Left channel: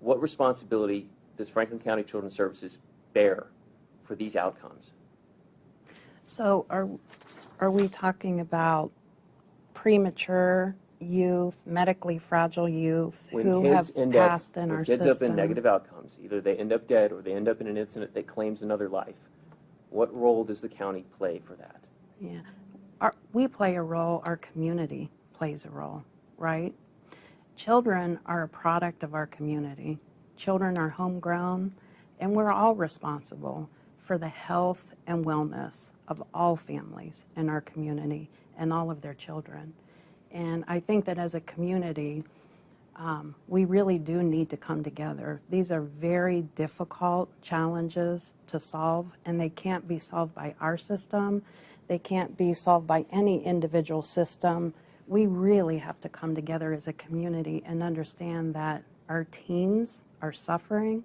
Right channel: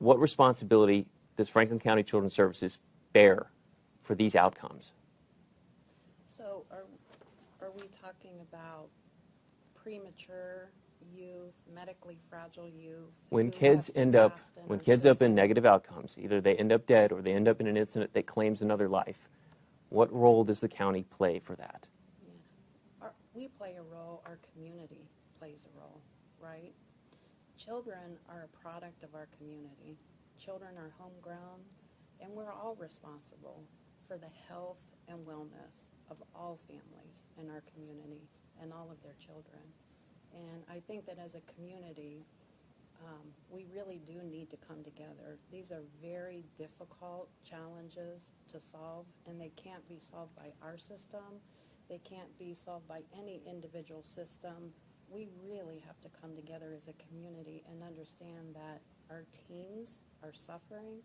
What responsibility does Franklin County Children's Services bear for these outcomes? So are we talking about premature youth, medically fragile youth who have passed in our system? When kids end up in negative outcomes, either they end up dead or they end up in an incident that claims another life, what role does the county play for that? Yeah, we play a role, our community plays a role, right? Children are a product of our community. Children are homegrown, and we're all responsible for the health and wellness of all families in our community and all of their children. And I think that as a community, we really do need to come together. These are very difficult challenges to solve, and they can't be solved by our system. They can't be solved by any individual system. We really have to come together as a community and understand that our teens are suffering.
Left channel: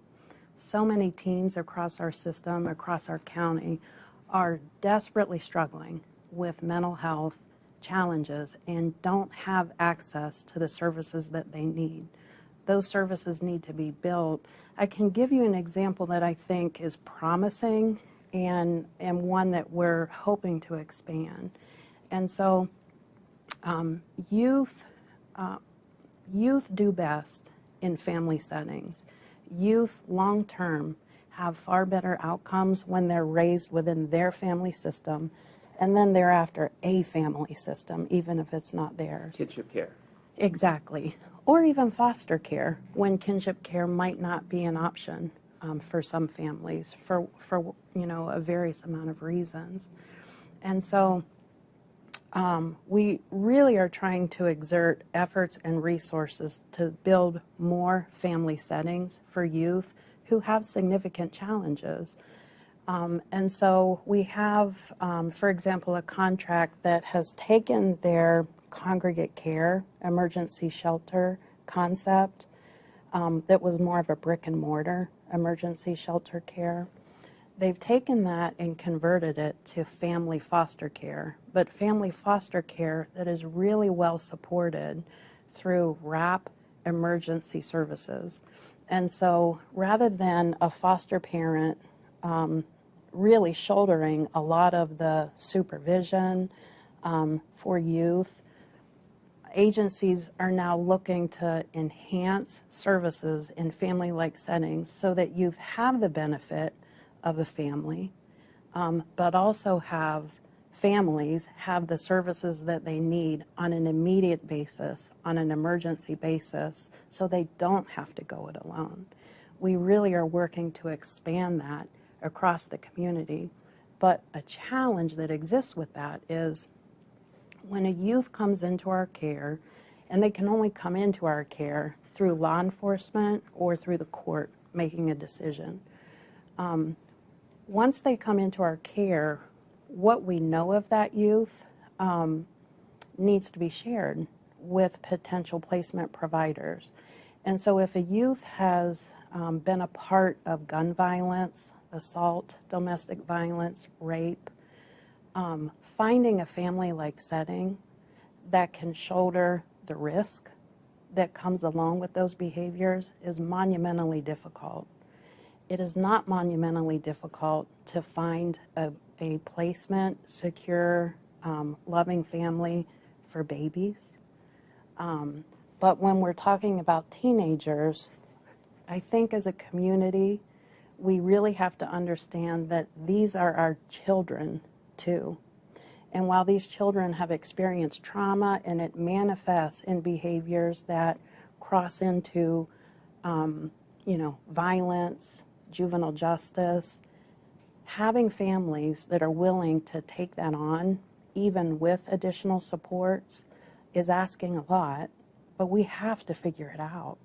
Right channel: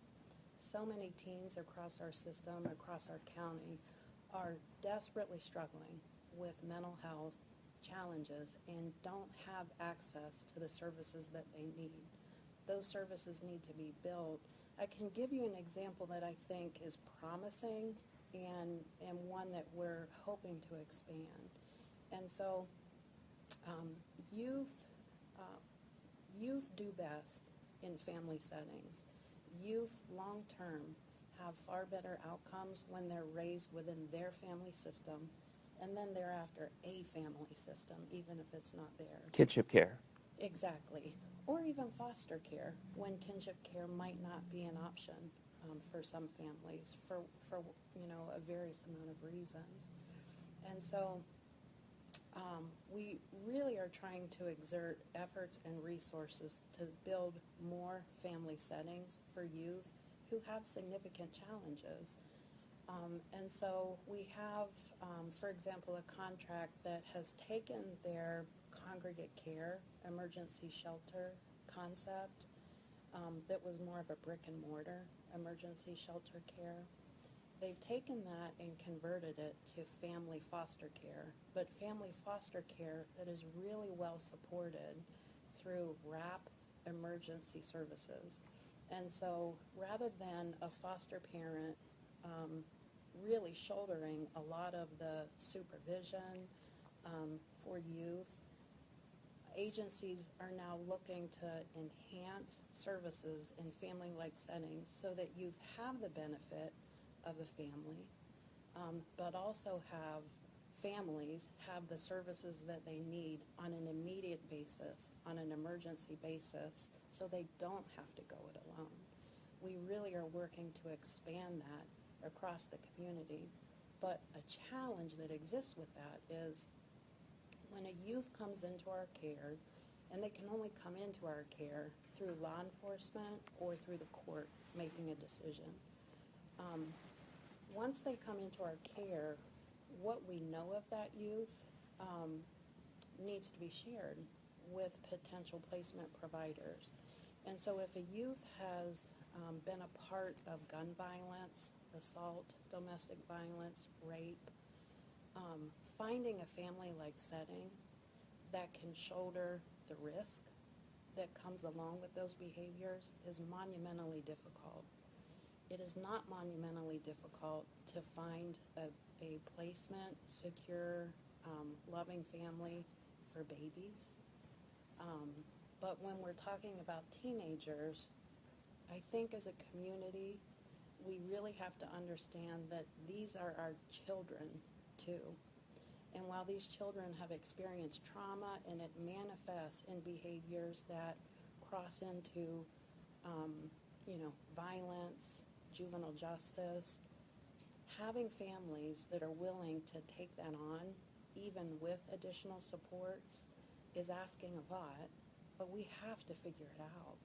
So many teens across our system, across our county, are desperately struggling with mental health challenges and don't have access to the services that they need. Those services need to be built. I can give you an example that I think is promising and one that we're hoping to expand. And so youth do best in family settings. Youth long-term have far better outcomes when they're raised within their family system and then thereafter a family system, even if it's not theirs. Kinship care. Exactly. Or even foster care, when kinship care might not be an option for some families for a various amount of reasons. And so we really are trying to exert efforts and resources to build more family settings for youth who have significant challenges. And so we have, for example, a contract that has taken their congregate care emergency shelter concept that was more of a brick and mortar emergency shelter care. They've taken that and converted it to family foster care, but family foster care that is really well supported through WRAP emergency services. And so rather than a foster parent really shouldering a lot of the supervision for youth, agencies are now looking to enhance services in family-like settings so that youth have the benefit of a family, but also have families have the services that they need on an immediate basis, on an emergency basis, so they don't have to go it alone. We really are working to expand that across the community, but a challenge that exists with that is when a youth comes into our care, and they can only come into our care through law enforcement or through the court making a decision. Once they come into our care, what we know of that youth needs to be shared with potential placement providers. And so if a youth has been a part of gun violence, assault, domestic violence, rape, finding a family-like setting that can shoulder the risk that comes along with those behaviors is monumentally difficult. It is not monumentally difficult to find a placement, secure, loving family for babies. But when we're talking about teenagers, I think as a community, we really have to understand that these are our children too. And while these children have experienced trauma and it manifests in behaviors that cross into, violence, juvenile justice, having families that are willing to take that on, even with additional supports, is asking a lot, but we have to figure it out.